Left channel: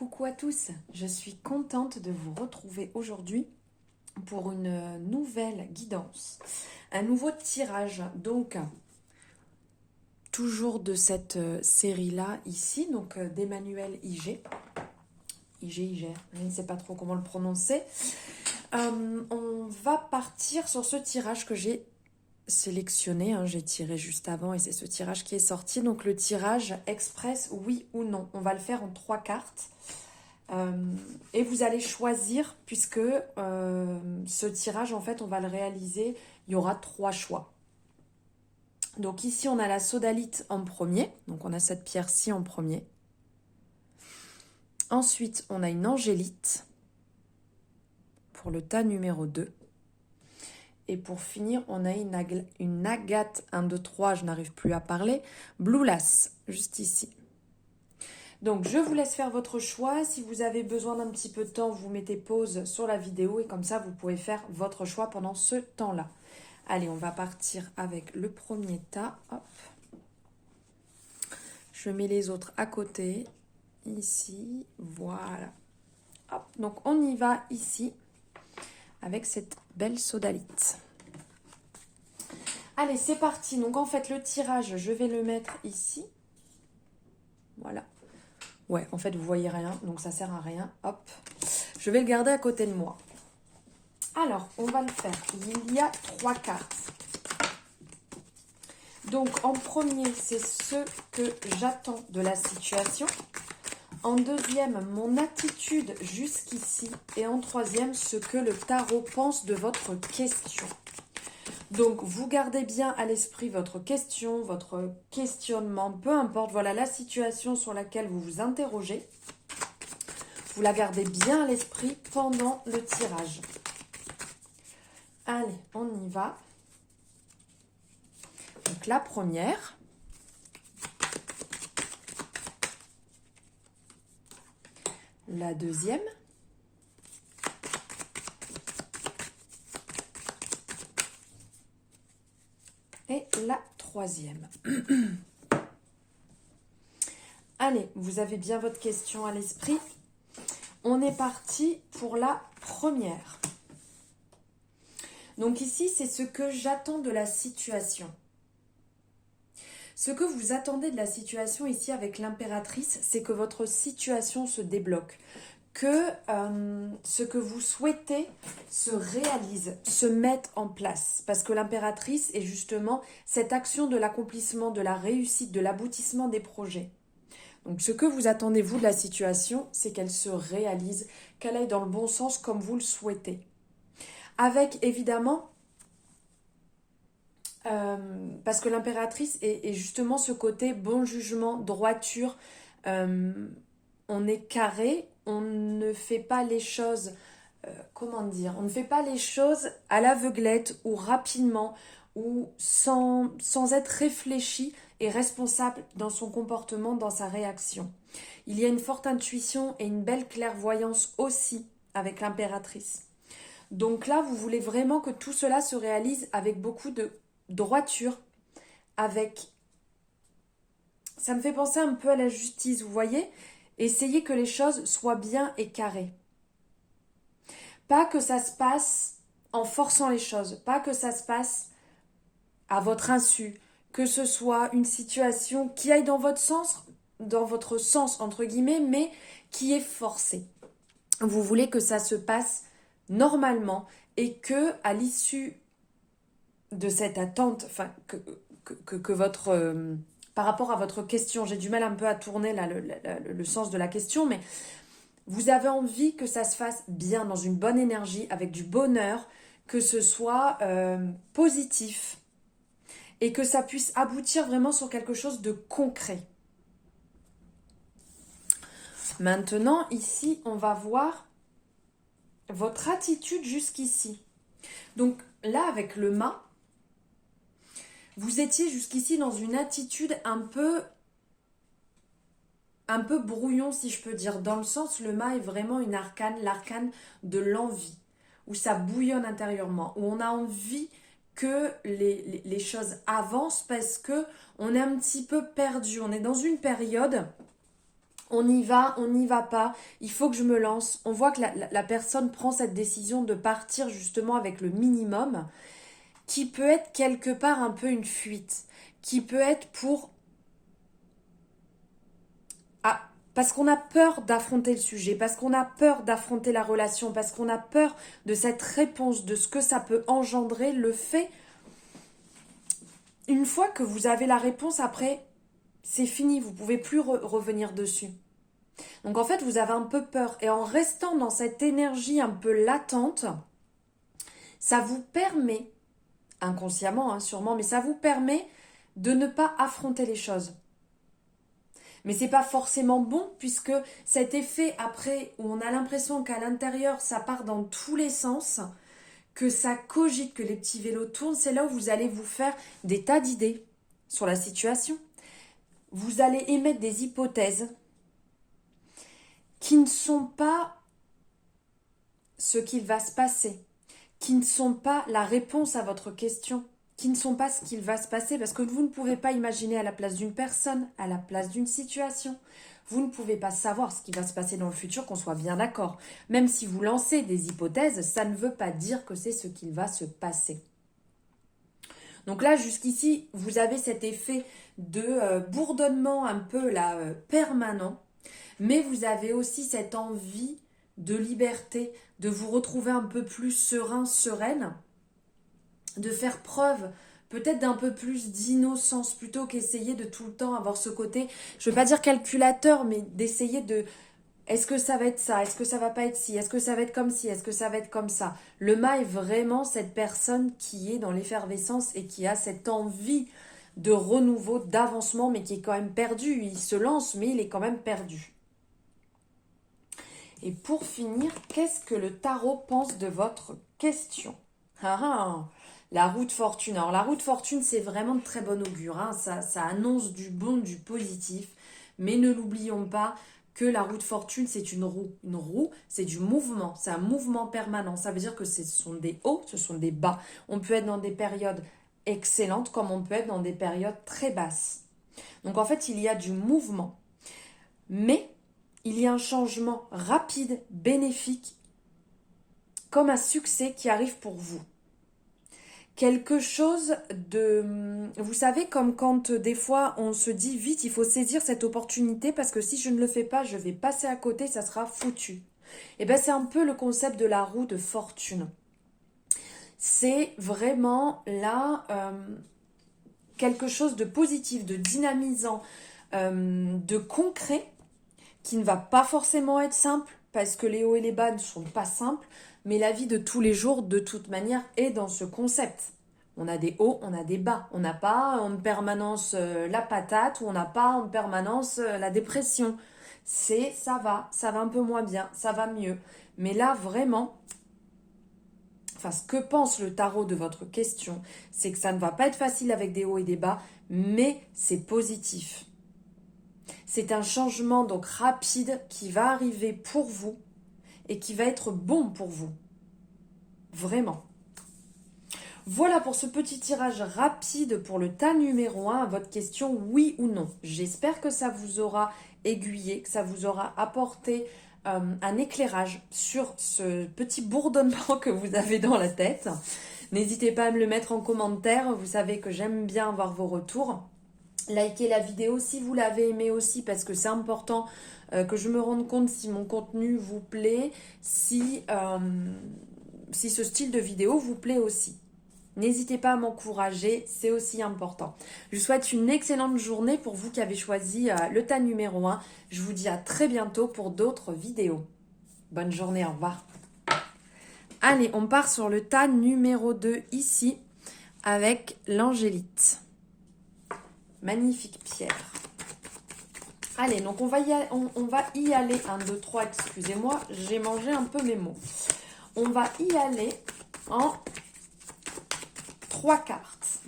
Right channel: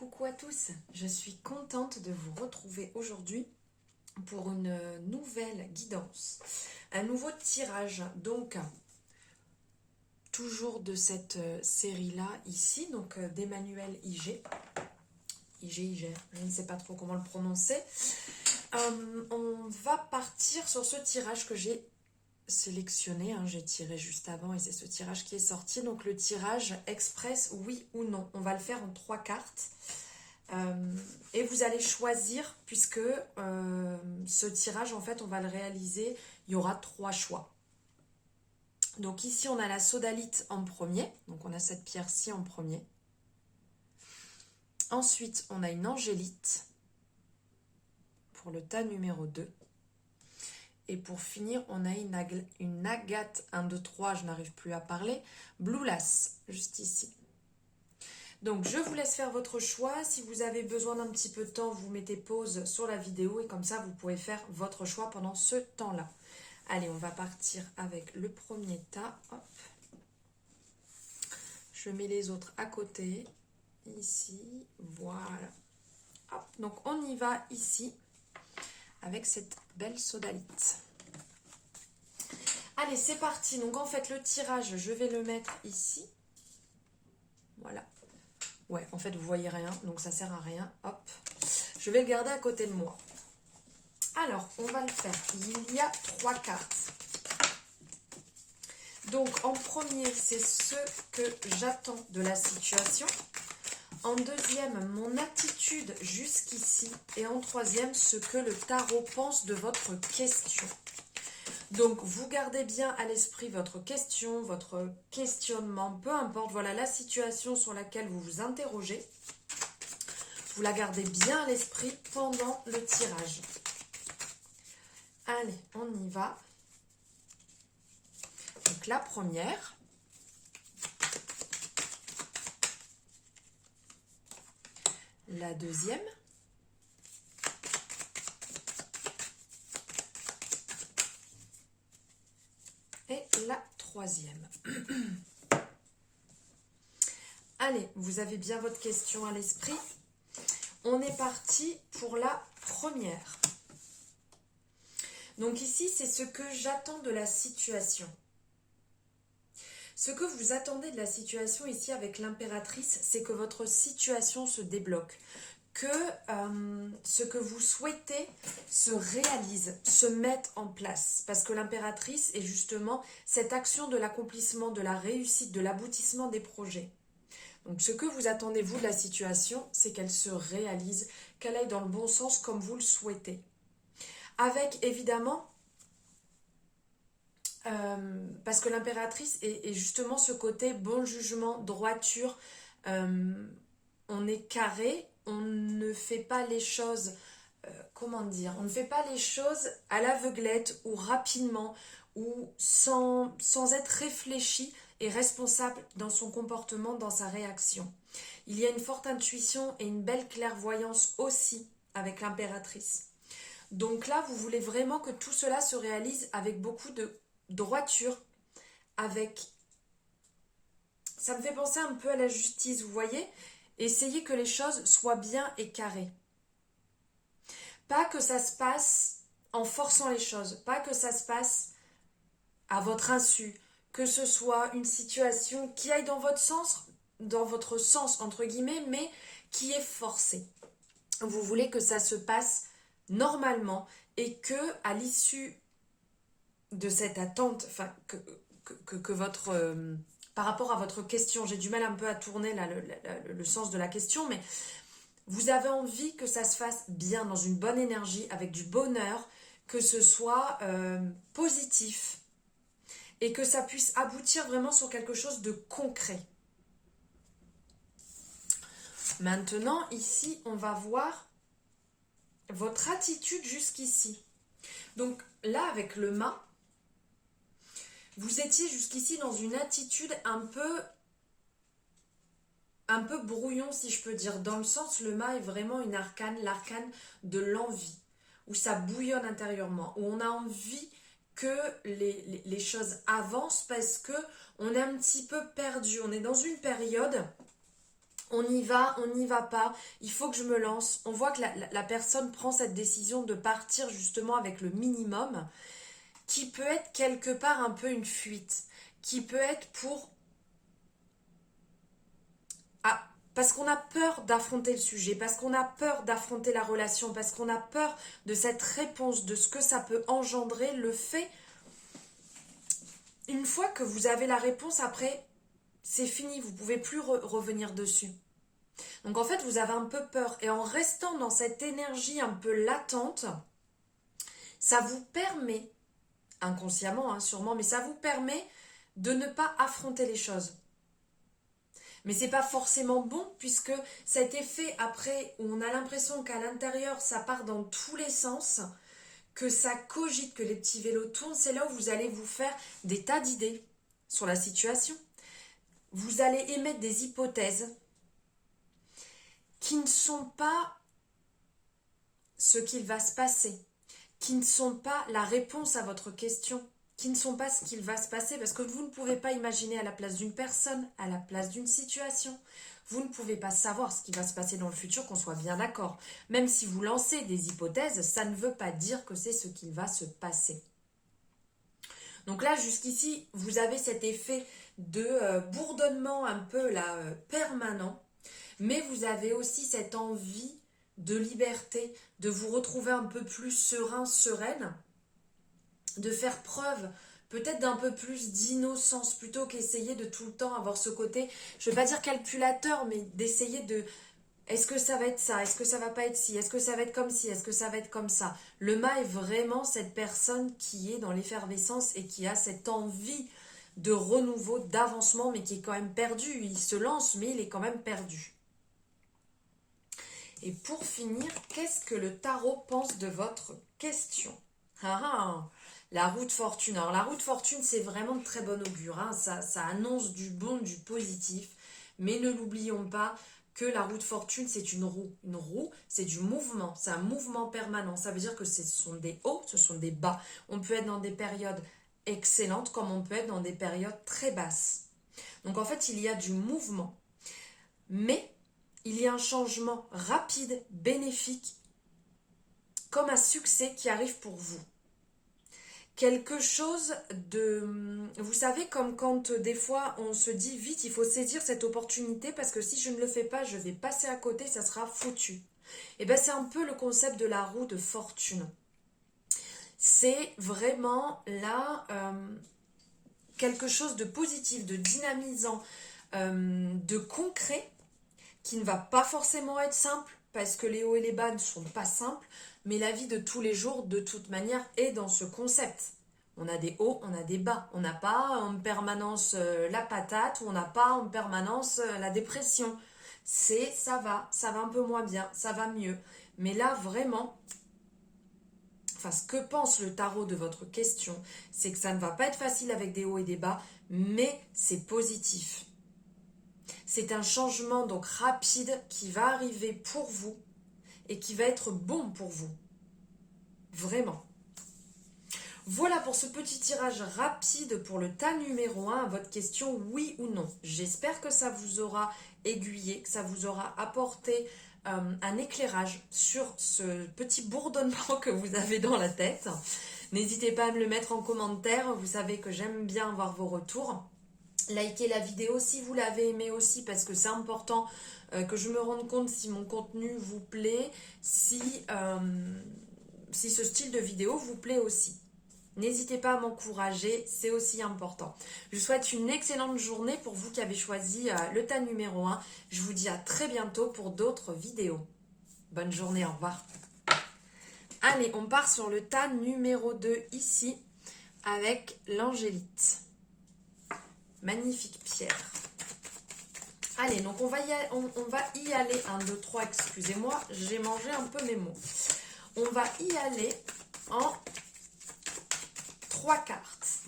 Coucou à tous, je suis contente de vous retrouver aujourd'hui pour une nouvelle guidance, un nouveau tirage, donc toujours de cette série-là ici, donc d'Emmanuel IG, je ne sais pas trop comment le prononcer. On va partir sur ce tirage que j'ai sélectionné, j'ai tiré juste avant et c'est ce tirage qui est sorti, donc le tirage express oui ou non. On va le faire en 3 cartes. Et vous allez choisir, puisque ce tirage, en fait, on va le réaliser, il y aura 3 choix. Donc ici, on a la sodalite en premier, donc on a cette pierre-ci en premier. Ensuite, on a une angélite pour le tas numéro 2. Et pour finir, on a une agate 1, 2, 3, je n'arrive plus à parler, Blue Lace, juste ici. Donc, je vous laisse faire votre choix. Si vous avez besoin d'un petit peu de temps, vous mettez pause sur la vidéo et comme ça, vous pouvez faire votre choix pendant ce temps-là. Allez, on va partir avec le premier tas. Hop. Je mets les autres à côté. Ici, voilà. Hop. Donc, on y va ici avec cette belle sodalite. Allez, c'est parti. Donc, en fait, le tirage, je vais le mettre ici. Voilà. Ouais, en fait, vous voyez rien, donc ça sert à rien. Hop, je vais le garder à côté de moi. Alors, on va le faire. Il y a 3 cartes. Donc, en premier, c'est ce que j'attends de la situation. En deuxième, mon attitude jusqu'ici. Et en troisième, ce que le tarot pense de votre question. Donc, vous gardez bien à l'esprit votre question, votre questionnement, peu importe, voilà la situation sur laquelle vous vous interrogez. Vous la gardez bien à l'esprit pendant le tirage. Allez, on y va. Donc, la première. La deuxième. Et la troisième. Allez, vous avez bien votre question à l'esprit. On est parti pour la première. Donc ici, c'est ce que j'attends de la situation. Ce que vous attendez de la situation ici avec l'impératrice, c'est que votre situation se débloque. Que ce que vous souhaitez se réalise, se mette en place. Parce que l'impératrice est justement cette action de l'accomplissement, de la réussite, de l'aboutissement des projets. Donc ce que vous attendez, vous, de la situation, c'est qu'elle se réalise, qu'elle aille dans le bon sens comme vous le souhaitez. Avec, évidemment, parce que l'impératrice est justement ce côté bon jugement, droiture, on est carré, on ne fait pas les choses, comment dire, on ne fait pas les choses à l'aveuglette ou rapidement ou sans être réfléchi et responsable dans son comportement, dans sa réaction. Il y a une forte intuition et une belle clairvoyance aussi avec l'impératrice. Donc là, vous voulez vraiment que tout cela se réalise avec beaucoup de droiture, avec... Ça me fait penser un peu à la justice, vous voyez ? Essayez que les choses soient bien et carrées. Pas que ça se passe en forçant les choses, pas que ça se passe à votre insu, que ce soit une situation qui aille dans votre sens entre guillemets, mais qui est forcée. Vous voulez que ça se passe normalement et que à l'issue de cette attente, enfin que votre par rapport à votre question, j'ai du mal un peu à tourner là le sens de la question, mais vous avez envie que ça se fasse bien, dans une bonne énergie, avec du bonheur, que ce soit positif et que ça puisse aboutir vraiment sur quelque chose de concret. Maintenant, ici, on va voir votre attitude jusqu'ici. Donc là, avec le mât, vous étiez jusqu'ici dans une attitude un peu brouillon, si je peux dire, dans le sens, le mât est vraiment une arcane, l'arcane de l'envie, où ça bouillonne intérieurement, où on a envie que les choses avancent parce que on est un petit peu perdu, on est dans une période On y va, on n'y va pas, il faut que je me lance. On voit que la personne prend cette décision de partir justement avec le minimum, qui peut être quelque part un peu une fuite, qui peut être pour... Ah, parce qu'on a peur d'affronter le sujet, parce qu'on a peur d'affronter la relation, parce qu'on a peur de cette réponse, de ce que ça peut engendrer, le fait... Une fois que vous avez la réponse, après, c'est fini, vous ne pouvez plus revenir dessus. Donc en fait, vous avez un peu peur. Et en restant dans cette énergie un peu latente, ça vous permet, inconsciemment hein, sûrement, mais ça vous permet de ne pas affronter les choses. Mais c'est pas forcément bon puisque cet effet après où on a l'impression qu'à l'intérieur ça part dans tous les sens, que ça cogite, que les petits vélos tournent, c'est là où vous allez vous faire des tas d'idées sur la situation. Vous allez émettre des hypothèses qui ne sont pas ce qu'il va se passer, qui ne sont pas la réponse à votre question, qui ne sont pas ce qu'il va se passer, parce que vous ne pouvez pas imaginer à la place d'une personne, à la place d'une situation. Vous ne pouvez pas savoir ce qui va se passer dans le futur, qu'on soit bien d'accord. Même si vous lancez des hypothèses, ça ne veut pas dire que c'est ce qu'il va se passer. Donc là, jusqu'ici, vous avez cet effet de bourdonnement un peu là, permanent, mais vous avez aussi cette envie de liberté, de vous retrouver un peu plus serein, sereine, de faire preuve peut-être d'un peu plus d'innocence plutôt qu'essayer de tout le temps avoir ce côté, je ne veux pas dire calculateur, mais d'essayer de est-ce que ça va être ça, est-ce que ça va pas être ci, est-ce que ça va être comme ci, est-ce que ça va être comme ça. Le mât est vraiment cette personne qui est dans l'effervescence et qui a cette envie de renouveau, d'avancement, mais qui est quand même perdu. Il se lance, mais il est quand même perdu. Et pour finir, qu'est-ce que le tarot pense de votre question? La roue de fortune. Alors la roue de fortune, c'est vraiment de très bon augure. Hein. Ça annonce du bon, du positif. Mais ne l'oublions pas que la roue de fortune, c'est une roue. Une roue, c'est du mouvement. C'est un mouvement permanent. Ça veut dire que ce sont des hauts, ce sont des bas. On peut être dans des périodes excellentes comme on peut être dans des périodes très basses. Donc en fait, il y a du mouvement. Mais il y a un changement rapide, bénéfique, comme un succès qui arrive pour vous. Quelque chose de... Vous savez, comme quand des fois on se dit vite, il faut saisir cette opportunité parce que si je ne le fais pas, je vais passer à côté, ça sera foutu. Et bien c'est un peu le concept de la roue de fortune. C'est vraiment là quelque chose de positif, de dynamisant, de concret, qui ne va pas forcément être simple, parce que les hauts et les bas ne sont pas simples, mais la vie de tous les jours, de toute manière, est dans ce concept. On a des hauts, on a des bas. On n'a pas en permanence la patate, ou on n'a pas en permanence la dépression. Ça va un peu moins bien, ça va mieux. Mais là, vraiment, enfin, ce que pense le tarot de votre question, c'est que ça ne va pas être facile avec des hauts et des bas, mais c'est positif. C'est un changement donc rapide qui va arriver pour vous et qui va être bon pour vous. Vraiment. Voilà pour ce petit tirage rapide pour le tas numéro 1 à votre question oui ou non. J'espère que ça vous aura aiguillé, que ça vous aura apporté un éclairage sur ce petit bourdonnement que vous avez dans la tête. N'hésitez pas à me le mettre en commentaire, vous savez que j'aime bien avoir vos retours. Likez la vidéo si vous l'avez aimé aussi parce que c'est important que je me rende compte si mon contenu vous plaît, si ce style de vidéo vous plaît aussi. N'hésitez pas à m'encourager, c'est aussi important. Je vous souhaite une excellente journée pour vous qui avez choisi le tas numéro 1. Je vous dis à très bientôt pour d'autres vidéos. Bonne journée, au revoir. Allez, on part sur le tas numéro 2 ici avec l'angélite. Magnifique pierre. Allez, donc on va y aller. 1, 2, 3, excusez-moi, j'ai mangé un peu mes mots. On va y aller en 3 cartes.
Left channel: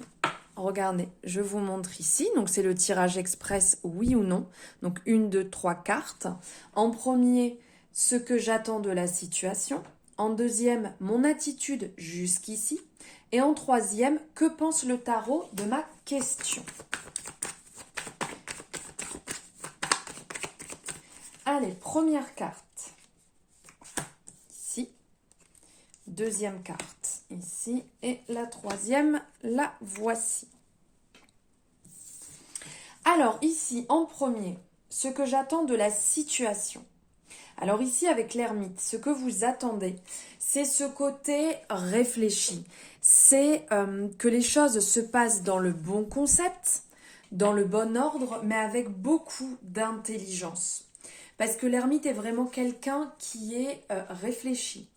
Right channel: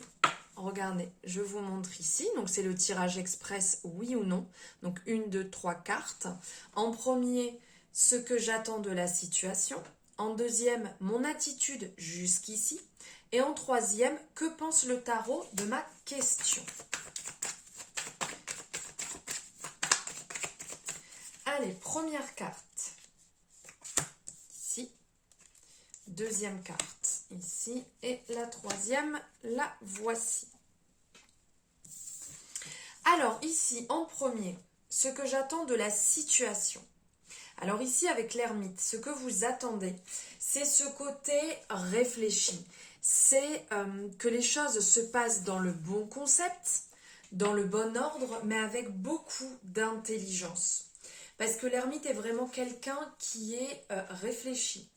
Regardez, je vous montre ici. Donc c'est le tirage express, oui ou non. Donc 1, 2, 3 cartes. En premier, ce que j'attends de la situation. En deuxième, mon attitude jusqu'ici. Et en troisième, que pense le tarot de ma question? Allez, première carte. Ici. Deuxième carte. Ici. Et la troisième, la voici. Alors, ici, en premier, ce que j'attends de la situation. Alors ici, avec l'ermite, ce que vous attendez, c'est ce côté réfléchi. C'est que les choses se passent dans le bon concept, dans le bon ordre, mais avec beaucoup d'intelligence. Parce que l'ermite est vraiment quelqu'un qui est réfléchi,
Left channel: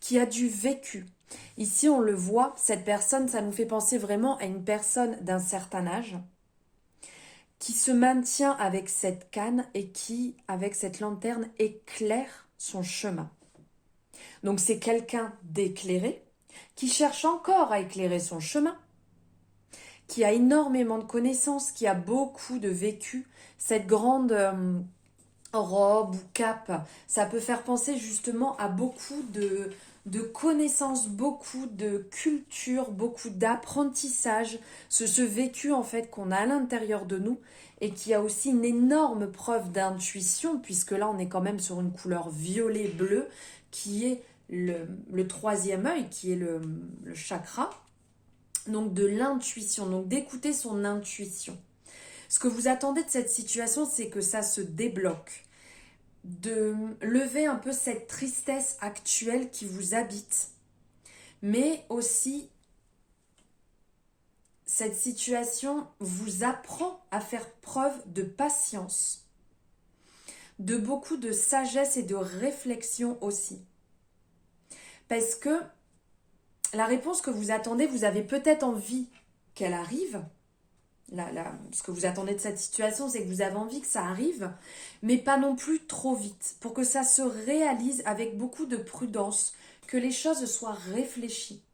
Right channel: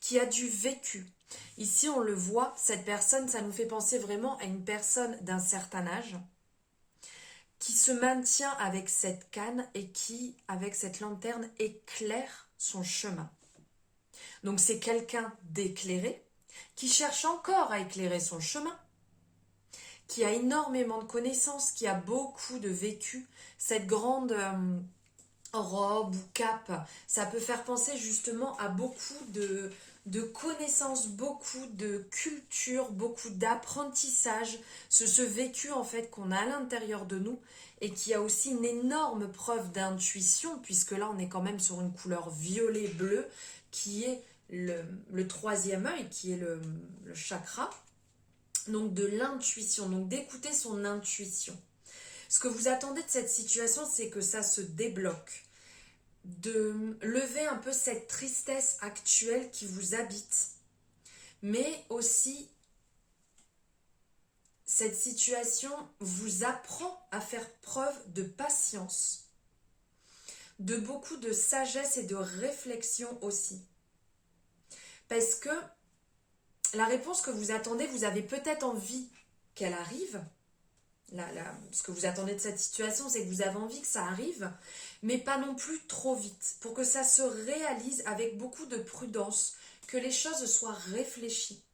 qui a du vécu. Ici, on le voit, cette personne, ça nous fait penser vraiment à une personne d'un certain âge, qui se maintient avec cette canne et qui, avec cette lanterne, éclaire son chemin. Donc c'est quelqu'un d'éclairé, qui cherche encore à éclairer son chemin, qui a énormément de connaissances, qui a beaucoup de vécu. Cette grande robe ou cape, ça peut faire penser justement à beaucoup de connaissances, beaucoup de culture, beaucoup d'apprentissage, ce vécu en fait qu'on a à l'intérieur de nous et qui a aussi une énorme preuve d'intuition, puisque là on est quand même sur une couleur violet-bleu qui est le troisième œil, qui est le chakra, donc de l'intuition, donc d'écouter son intuition. Ce que vous attendez de cette situation, c'est que ça se débloque, de lever un peu cette tristesse actuelle qui vous habite, mais aussi cette situation vous apprend à faire preuve de patience, de beaucoup de sagesse et de réflexion aussi. Parce que la réponse que vous attendez, vous avez peut-être envie qu'elle arrive. Ce que vous attendez de cette situation, c'est que vous avez envie que ça arrive, mais pas non plus trop vite, pour que ça se réalise avec beaucoup de prudence, que les choses soient réfléchies,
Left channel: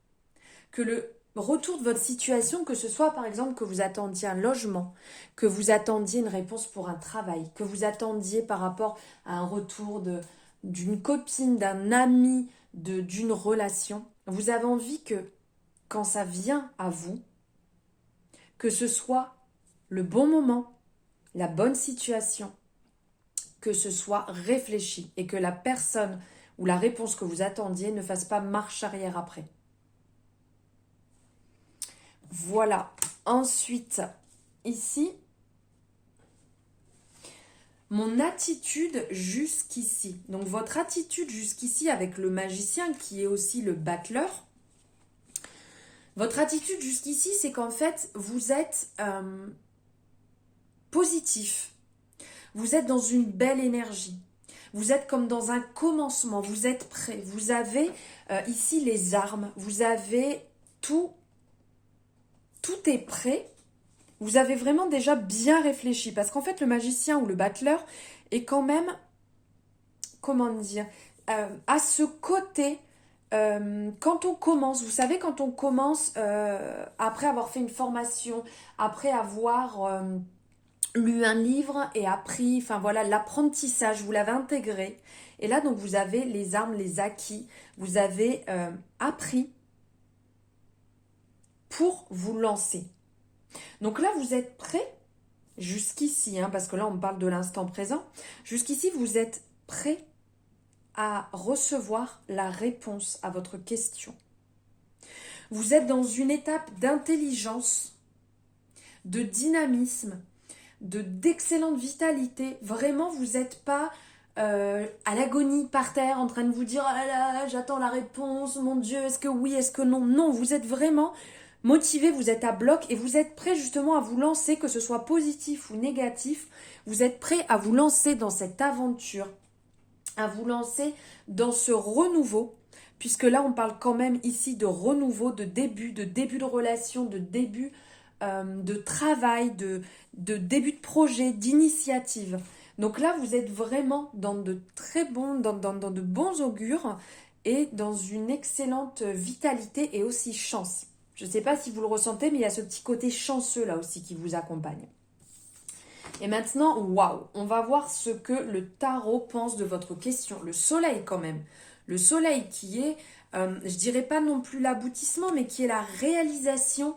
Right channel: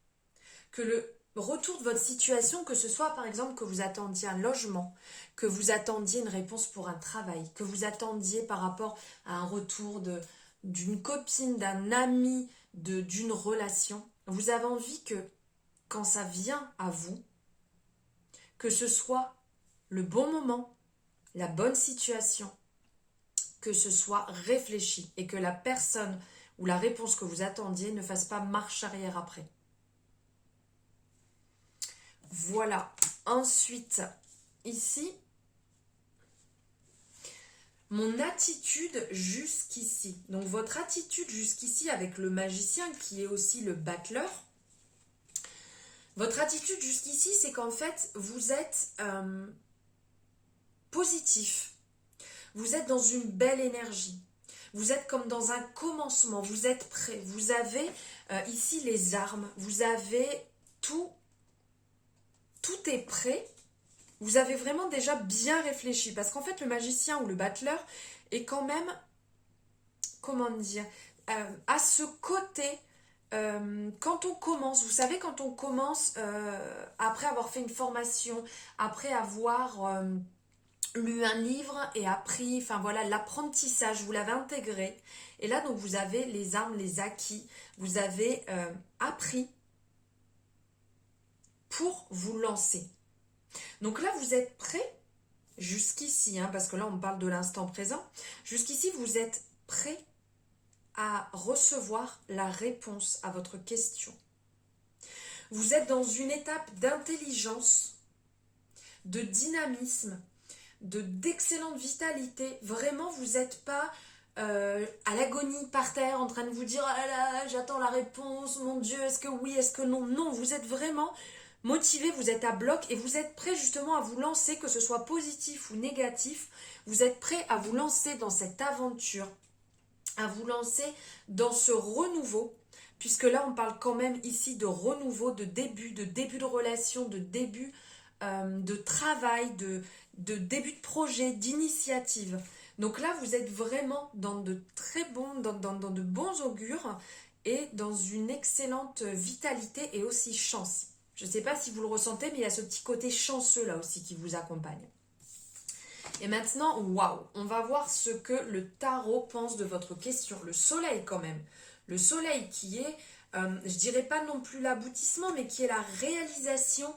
que le retour de votre situation, que ce soit par exemple que vous attendiez un logement, que vous attendiez une réponse pour un travail, que vous attendiez par rapport à un retour d'une copine, d'un ami, d'une relation, vous avez envie que quand ça vient à vous, que ce soit le bon moment, la bonne situation, que ce soit réfléchi et que la personne ou la réponse que vous attendiez ne fasse pas marche arrière après. Voilà. Ensuite, ici, mon attitude jusqu'ici. Donc votre attitude jusqu'ici avec le magicien qui est aussi le battleur. Votre attitude jusqu'ici, c'est qu'en fait, vous êtes positif. Vous êtes dans une belle énergie. Vous êtes comme dans un commencement. Vous êtes prêt. Vous avez ici les armes. Vous avez tout. Tout est prêt. Vous avez vraiment déjà bien réfléchi. Parce qu'en fait, le magicien ou le battleur est quand même, comment dire, à ce côté, quand on commence, vous savez, quand on commence, après avoir fait une formation, après avoir lu un livre et appris, enfin voilà, l'apprentissage, vous l'avez intégré. Et là, donc, vous avez les armes, les acquis. Vous avez appris pour vous lancer. Donc là, vous êtes prêt jusqu'ici, hein, parce que là, on parle de l'instant présent. Jusqu'ici, vous êtes prêt à recevoir la réponse à votre question. Vous êtes dans une étape d'intelligence, de dynamisme, d'excellente vitalité. Vraiment, vous n'êtes pas à l'agonie par terre en train de vous dire « Ah là, j'attends la réponse, mon Dieu, est-ce que oui, est-ce que non ?» Non, vous êtes vraiment motivé, vous êtes à bloc et vous êtes prêt justement à vous lancer, que ce soit positif ou négatif. Vous êtes prêt à vous lancer dans cette aventure, à vous lancer dans ce renouveau, puisque là, on parle quand même ici de renouveau, de début de relation, de début de travail, de début de projet, d'initiative. Donc là, vous êtes vraiment dans de très bons, dans de bons augures et dans une excellente vitalité et aussi chance. Je ne sais pas si vous le ressentez, mais il y a ce petit côté chanceux là aussi qui vous accompagne. Et maintenant, waouh, on va voir ce que le tarot pense de votre question. Le soleil quand même. Le soleil qui est, je dirais pas non plus l'aboutissement, mais qui est la réalisation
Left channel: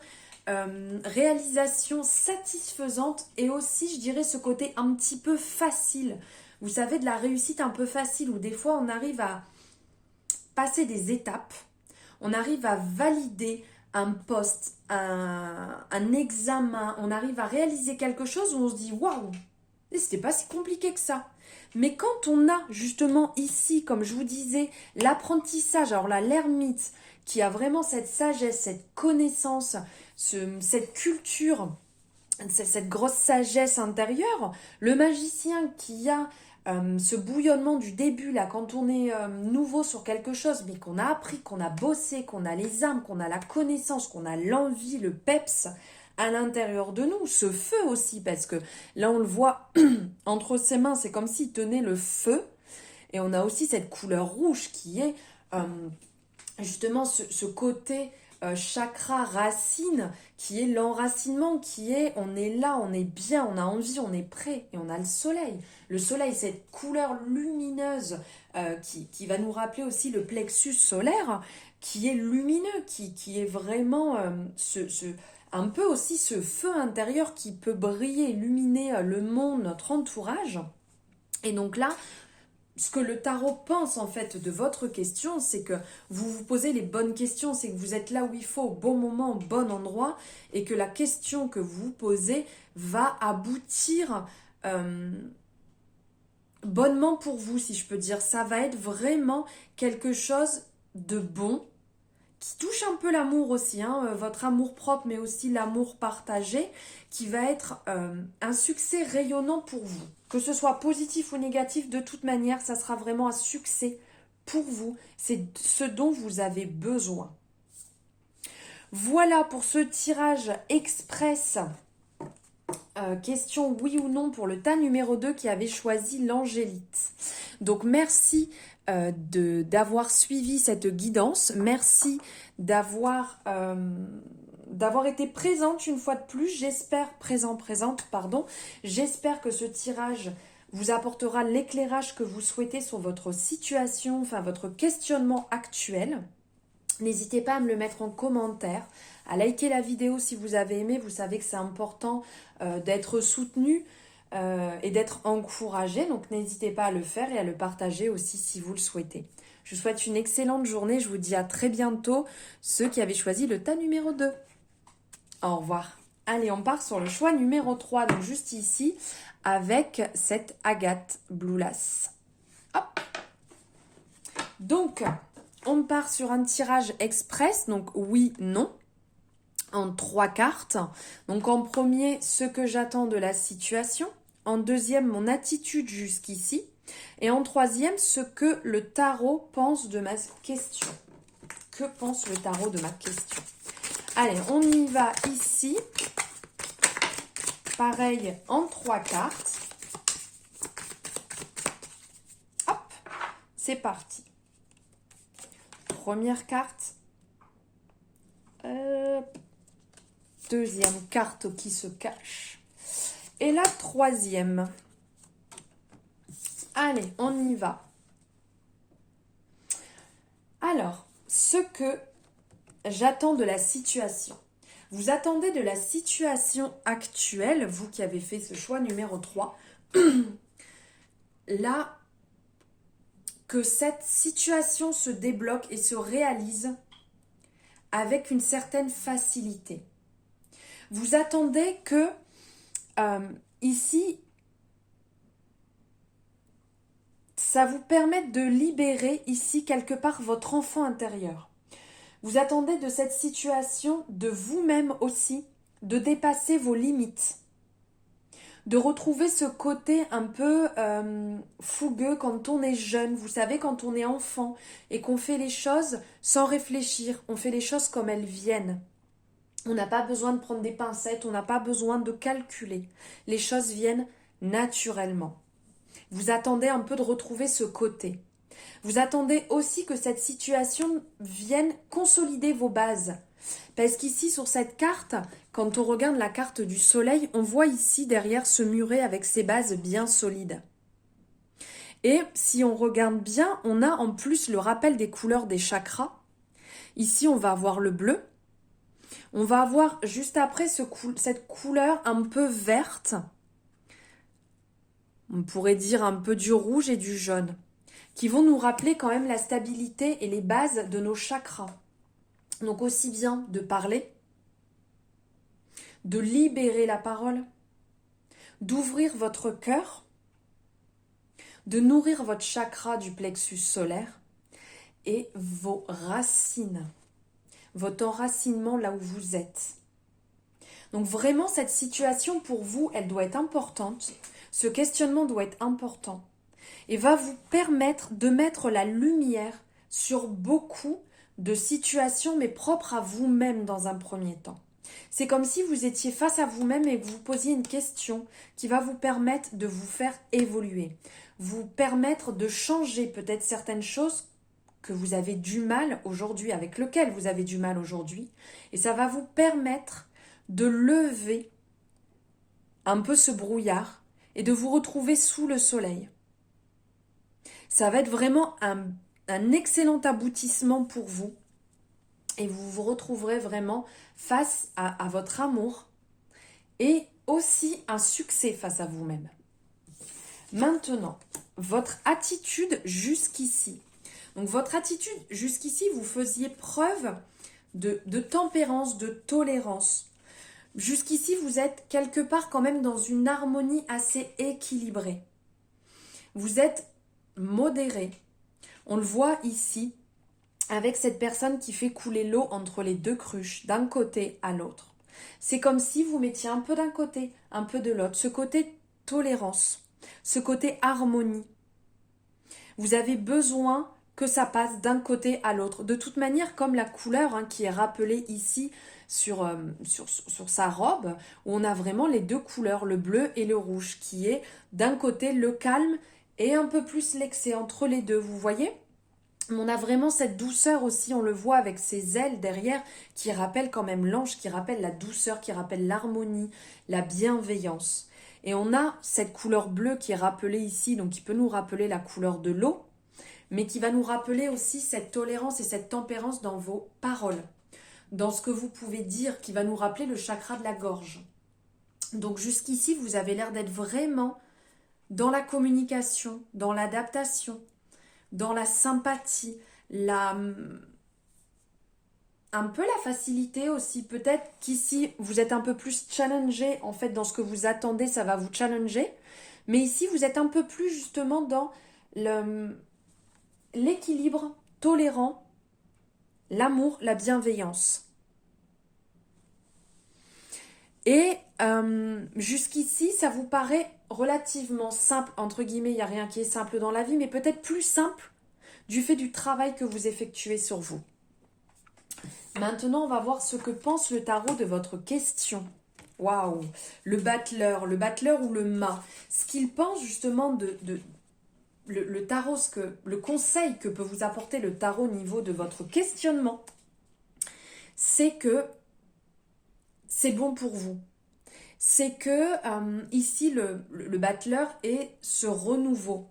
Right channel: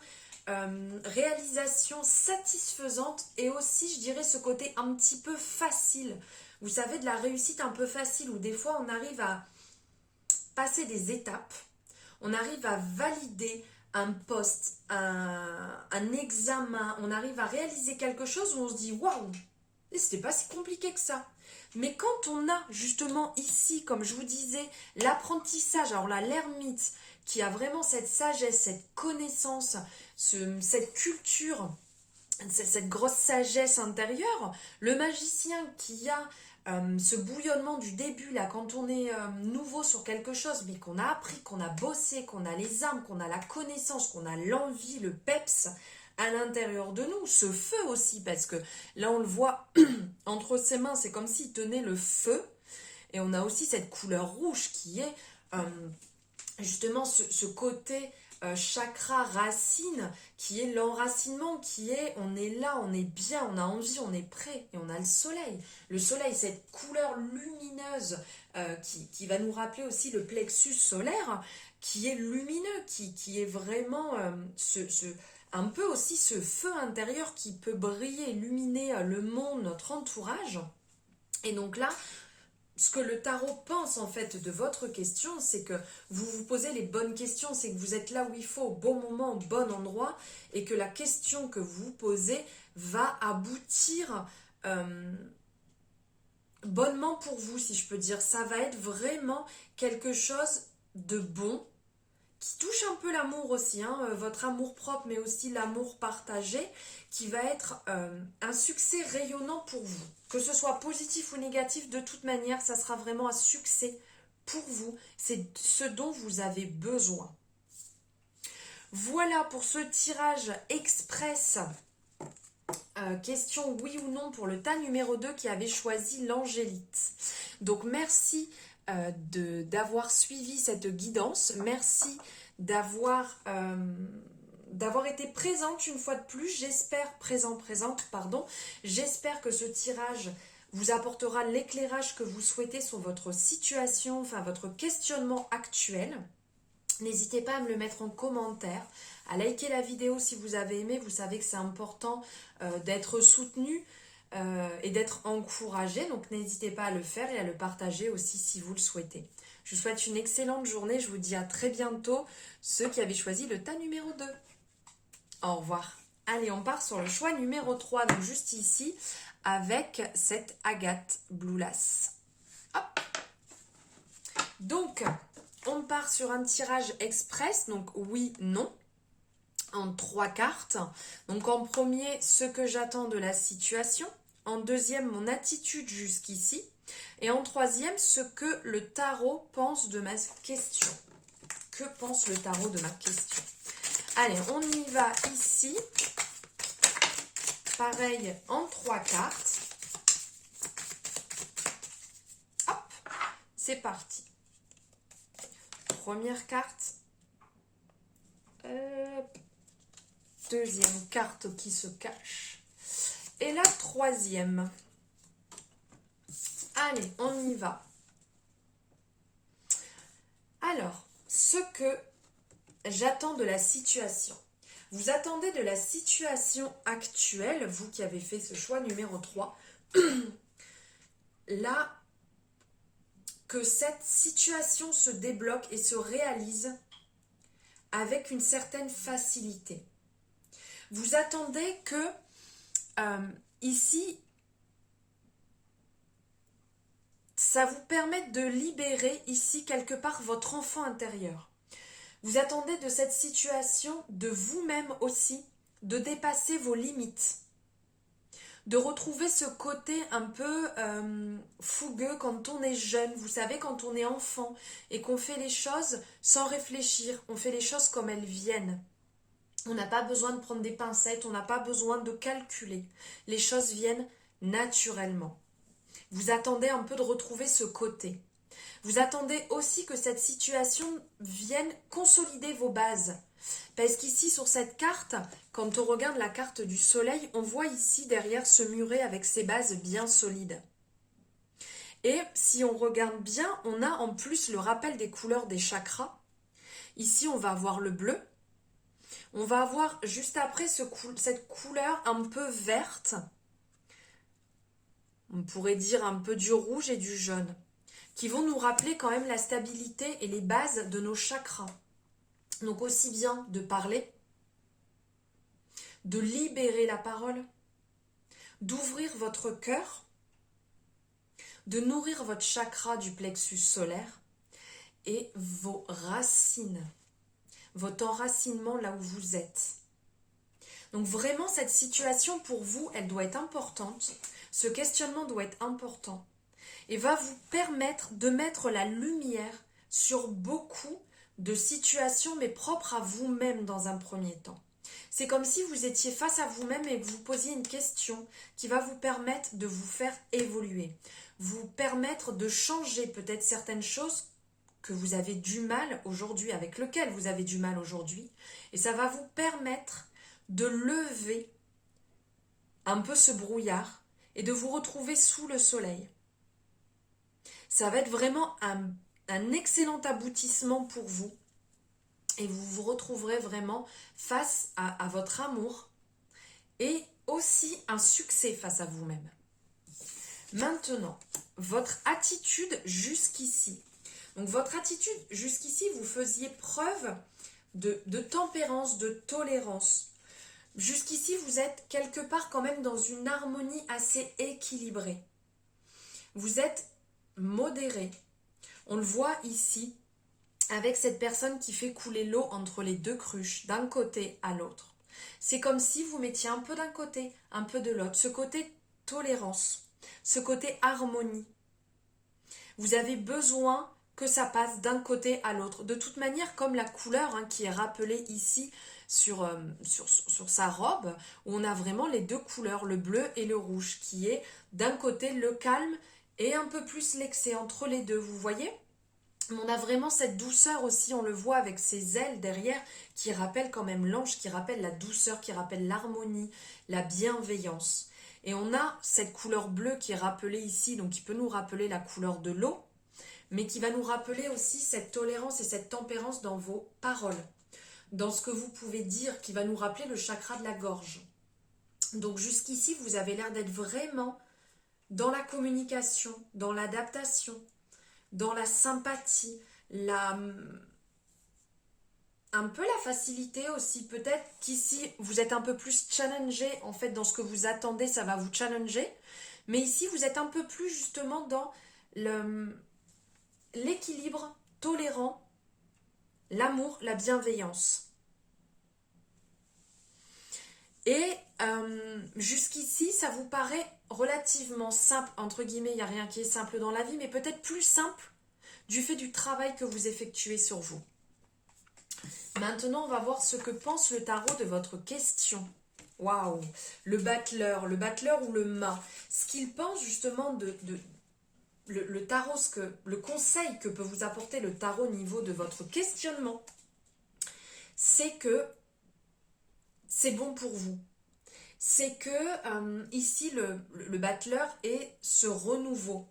satisfaisante et aussi, je dirais, ce côté un petit peu facile. Vous savez, de la réussite un peu facile, où des fois on arrive à passer des étapes, on arrive à valider un poste, un examen, on arrive à réaliser quelque chose où on se dit waouh, c'était pas si compliqué que ça. Mais quand on a justement ici, comme je vous disais, l'apprentissage, alors là, l'ermite qui a vraiment cette sagesse, cette connaissance, cette culture, cette grosse sagesse intérieure, le magicien qui a ce bouillonnement du début, là, quand on est nouveau sur quelque chose, mais qu'on a appris, qu'on a bossé, qu'on a les armes, qu'on a la connaissance, qu'on a l'envie, le peps à l'intérieur de nous, ce feu aussi, parce que là, on le voit entre ses mains, c'est comme s'il tenait le feu, et on a aussi cette couleur rouge qui est justement ce côté chakra racine, qui est l'enracinement, qui est on est là, on est bien, on a envie, on est prêt, et on a le soleil. Le soleil, cette couleur lumineuse qui va nous rappeler aussi le plexus solaire, qui est lumineux, qui est vraiment un peu aussi ce feu intérieur qui peut briller, illuminer le monde, notre entourage. Et donc là, ce que le tarot pense en fait de votre question, c'est que vous vous posez les bonnes questions, c'est que vous êtes là où il faut, au bon moment, au bon endroit, et que la question que vous posez va aboutir bonnement pour vous, si je peux dire. Ça va être vraiment quelque chose de bon, qui touche un peu l'amour aussi, votre amour propre, mais aussi l'amour partagé, qui va être un succès rayonnant pour vous. Que ce soit positif ou négatif, de toute manière, ça sera vraiment un succès pour vous. C'est ce dont vous avez besoin. Voilà pour ce tirage express. Question oui ou non pour le tas numéro 2 qui avait choisi l'angélite. Donc merci d'avoir suivi cette guidance. Merci d'avoir été présente une fois de plus. J'espère, présente, pardon. J'espère que ce tirage vous apportera l'éclairage que vous souhaitez sur votre situation, enfin votre questionnement actuel. N'hésitez pas à me le mettre en commentaire, à liker la vidéo si vous avez aimé. Vous savez que c'est important d'être soutenu et d'être encouragé. Donc n'hésitez pas à le faire et à le partager aussi si vous le souhaitez. Je vous souhaite une excellente journée. Je vous dis à très bientôt, ceux qui avaient choisi le tas numéro 2. Au revoir. Allez, on part sur le choix numéro 3, donc juste ici, avec cette agate Blue Lace. Hop. Donc, on part sur un tirage express, donc oui, non, en 3 cartes. Donc en premier, ce que j'attends de la situation. En deuxième, mon attitude jusqu'ici. Et en troisième, ce que le tarot pense de ma question. Que pense le tarot de ma question? Allez, on y va ici. Pareil, en 3 cartes. Hop, c'est parti. Première carte. Deuxième carte qui se cache. Et la troisième. Allez, on y va. Alors, ce que j'attends de la situation. Vous attendez de la situation actuelle, vous qui avez fait ce choix numéro 3, là, que cette situation se débloque et se réalise avec une certaine facilité. Vous attendez que, ici, ça vous permette de libérer, ici, quelque part, votre enfant intérieur. Vous attendez de cette situation, de vous-même aussi, de dépasser vos limites. De retrouver ce côté un peu fougueux quand on est jeune. Vous savez, quand on est enfant et qu'on fait les choses sans réfléchir. On fait les choses comme elles viennent. On n'a pas besoin de prendre des pincettes, on n'a pas besoin de calculer. Les choses viennent naturellement. Vous attendez un peu de retrouver ce côté. Vous attendez aussi que cette situation vienne consolider vos bases. Parce qu'ici, sur cette carte, quand on regarde la carte du soleil, on voit ici derrière ce muret avec ses bases bien solides. Et si on regarde bien, on a en plus le rappel des couleurs des chakras. Ici, on va avoir le bleu. On va avoir juste après cette couleur un peu verte. on pourrait dire un peu du rouge et du jaune, qui vont nous rappeler quand même la stabilité et les bases de nos chakras. Donc aussi bien de parler, de libérer la parole, d'ouvrir votre cœur, de nourrir votre chakra du plexus solaire et vos racines, votre enracinement là où vous êtes. Donc vraiment, cette situation pour vous, elle doit être importante. Ce questionnement doit être important et va vous permettre de mettre la lumière sur beaucoup de situations, mais propres à vous-même dans un premier temps. C'est comme si vous étiez face à vous-même et que vous posiez une question qui va vous permettre de vous faire évoluer, vous permettre de changer peut-être certaines choses que vous avez du mal aujourd'hui, avec lesquelles vous avez du mal aujourd'hui, et ça va vous permettre de lever un peu ce brouillard et de vous retrouver sous le soleil. Ça va être vraiment un excellent aboutissement pour vous et vous vous retrouverez vraiment face à votre amour et aussi un succès face à vous-même. Maintenant, votre attitude jusqu'ici. Donc votre attitude jusqu'ici, vous faisiez preuve de tempérance, de tolérance. Jusqu'ici, vous êtes quelque part quand même dans une harmonie assez équilibrée. Vous êtes modéré. On le voit ici avec cette personne qui fait couler l'eau entre les deux cruches, d'un côté à l'autre. C'est comme si vous mettiez un peu d'un côté, un peu de l'autre. Ce côté tolérance, ce côté harmonie. Vous avez besoin que ça passe d'un côté à l'autre. De toute manière, comme la couleur qui est rappelée ici sur sa robe, où on a vraiment les deux couleurs, le bleu et le rouge, qui est d'un côté le calme et un peu plus l'excès entre les deux, vous voyez ? On a vraiment cette douceur aussi, on le voit avec ses ailes derrière, qui rappellent quand même l'ange, qui rappelle la douceur, qui rappelle l'harmonie, la bienveillance. Et on a cette couleur bleue qui est rappelée ici, donc qui peut nous rappeler la couleur de l'eau, mais qui va nous rappeler aussi cette tolérance et cette tempérance dans vos paroles, dans ce que vous pouvez dire, qui va nous rappeler le chakra de la gorge. Donc jusqu'ici, vous avez l'air d'être vraiment dans la communication, dans l'adaptation, dans la sympathie, un peu la facilité aussi. Peut-être qu'ici, vous êtes un peu plus challengé, en fait, dans ce que vous attendez, ça va vous challenger. Mais ici, vous êtes un peu plus justement dans l'équilibre tolérant, l'amour, la bienveillance. Et jusqu'ici, ça vous paraît relativement simple, entre guillemets, il n'y a rien qui est simple dans la vie, mais peut-être plus simple du fait du travail que vous effectuez sur vous. Maintenant, on va voir ce que pense le tarot de votre question. Waouh, le battleur ou le mât. Ce qu'il pense justement le tarot, le conseil que peut vous apporter le tarot au niveau de votre questionnement, c'est que c'est bon pour vous. C'est que ici, le battleur est ce renouveau.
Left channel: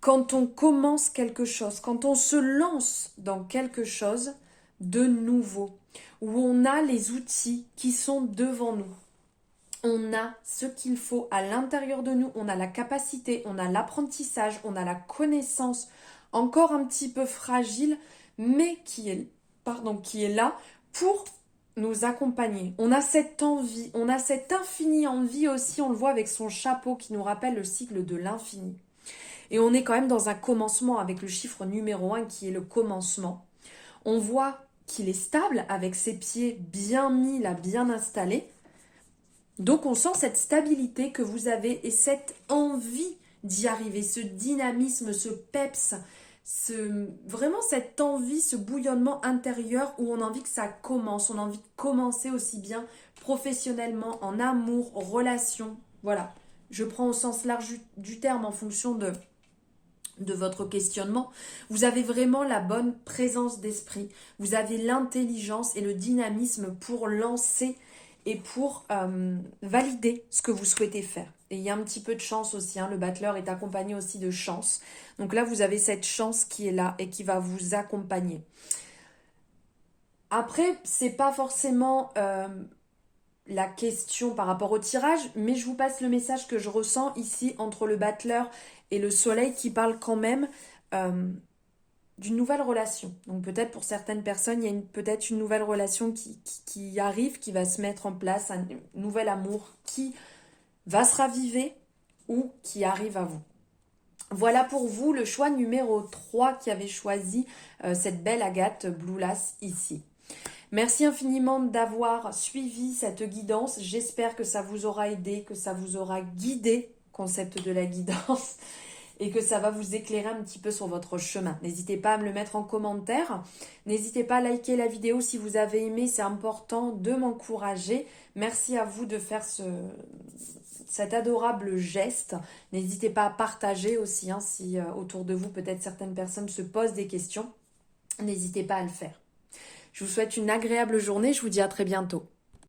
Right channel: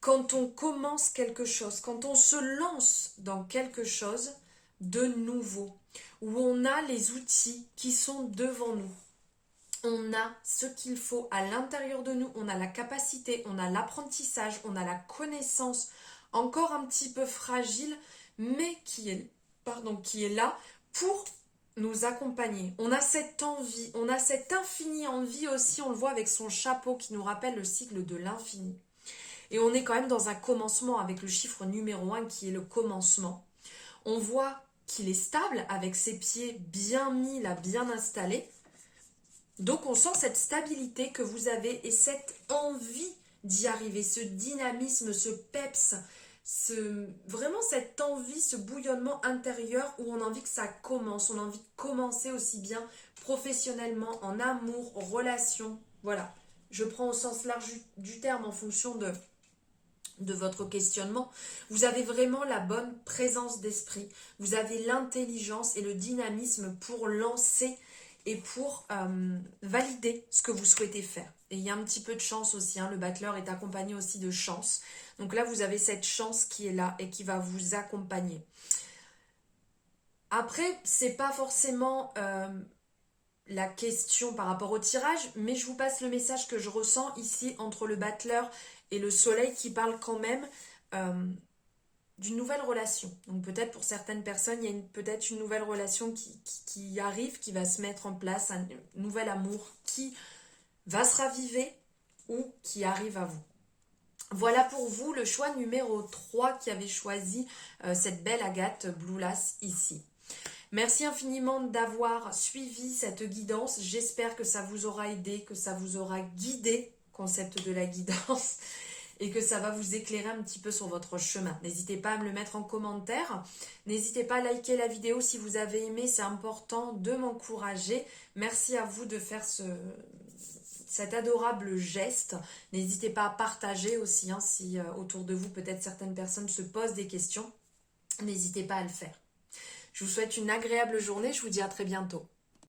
Quand on commence quelque chose, quand on se lance dans quelque chose de nouveau, où on a les outils qui sont devant nous, on a ce qu'il faut à l'intérieur de nous, on a la capacité, on a l'apprentissage, on a la connaissance, encore un petit peu fragile, mais qui est là pour nous accompagner. On a cette envie, on a cette infinie envie aussi, on le voit avec son chapeau qui nous rappelle le cycle de l'infini. Et on est quand même dans un commencement avec le chiffre numéro 1 qui est le commencement. On voit qu'il est stable avec ses pieds bien mis là, bien installés. Donc on sent cette stabilité que vous avez et cette envie d'y arriver, ce dynamisme, ce peps, vraiment cette envie, ce bouillonnement intérieur où on a envie que ça commence, on a envie de commencer aussi bien professionnellement, en amour, relation, voilà. Je prends au sens large du terme en fonction de votre questionnement. Vous avez vraiment la bonne présence d'esprit, vous avez l'intelligence et le dynamisme pour lancer et pour valider ce que vous souhaitez faire. Et il y a un petit peu de chance aussi, le battleur est accompagné aussi de chance. Donc là, vous avez cette chance qui est là et qui va vous accompagner. Après, c'est pas forcément la question par rapport au tirage, mais je vous passe le message que je ressens ici entre le battleur et le soleil qui parle quand même d'une nouvelle relation. Donc peut-être pour certaines personnes, il y a peut-être une nouvelle relation qui arrive, qui va se mettre en place, un nouvel amour qui va se raviver ou qui arrive à vous. Voilà pour vous le choix numéro 3 qui avait choisi cette belle agate Blue Lace ici. Merci infiniment d'avoir suivi cette guidance. J'espère que ça vous aura aidé, que ça vous aura guidé, concept de la guidance, et que ça va vous éclairer un petit peu sur votre chemin. N'hésitez pas à me le mettre en commentaire. N'hésitez pas à liker la vidéo si vous avez aimé, c'est important de m'encourager. Merci à vous de faire cet adorable geste. N'hésitez pas à partager aussi, hein, si autour de vous, peut-être certaines personnes se posent des questions. N'hésitez pas à le faire. Je vous souhaite une agréable journée, je vous dis à très bientôt.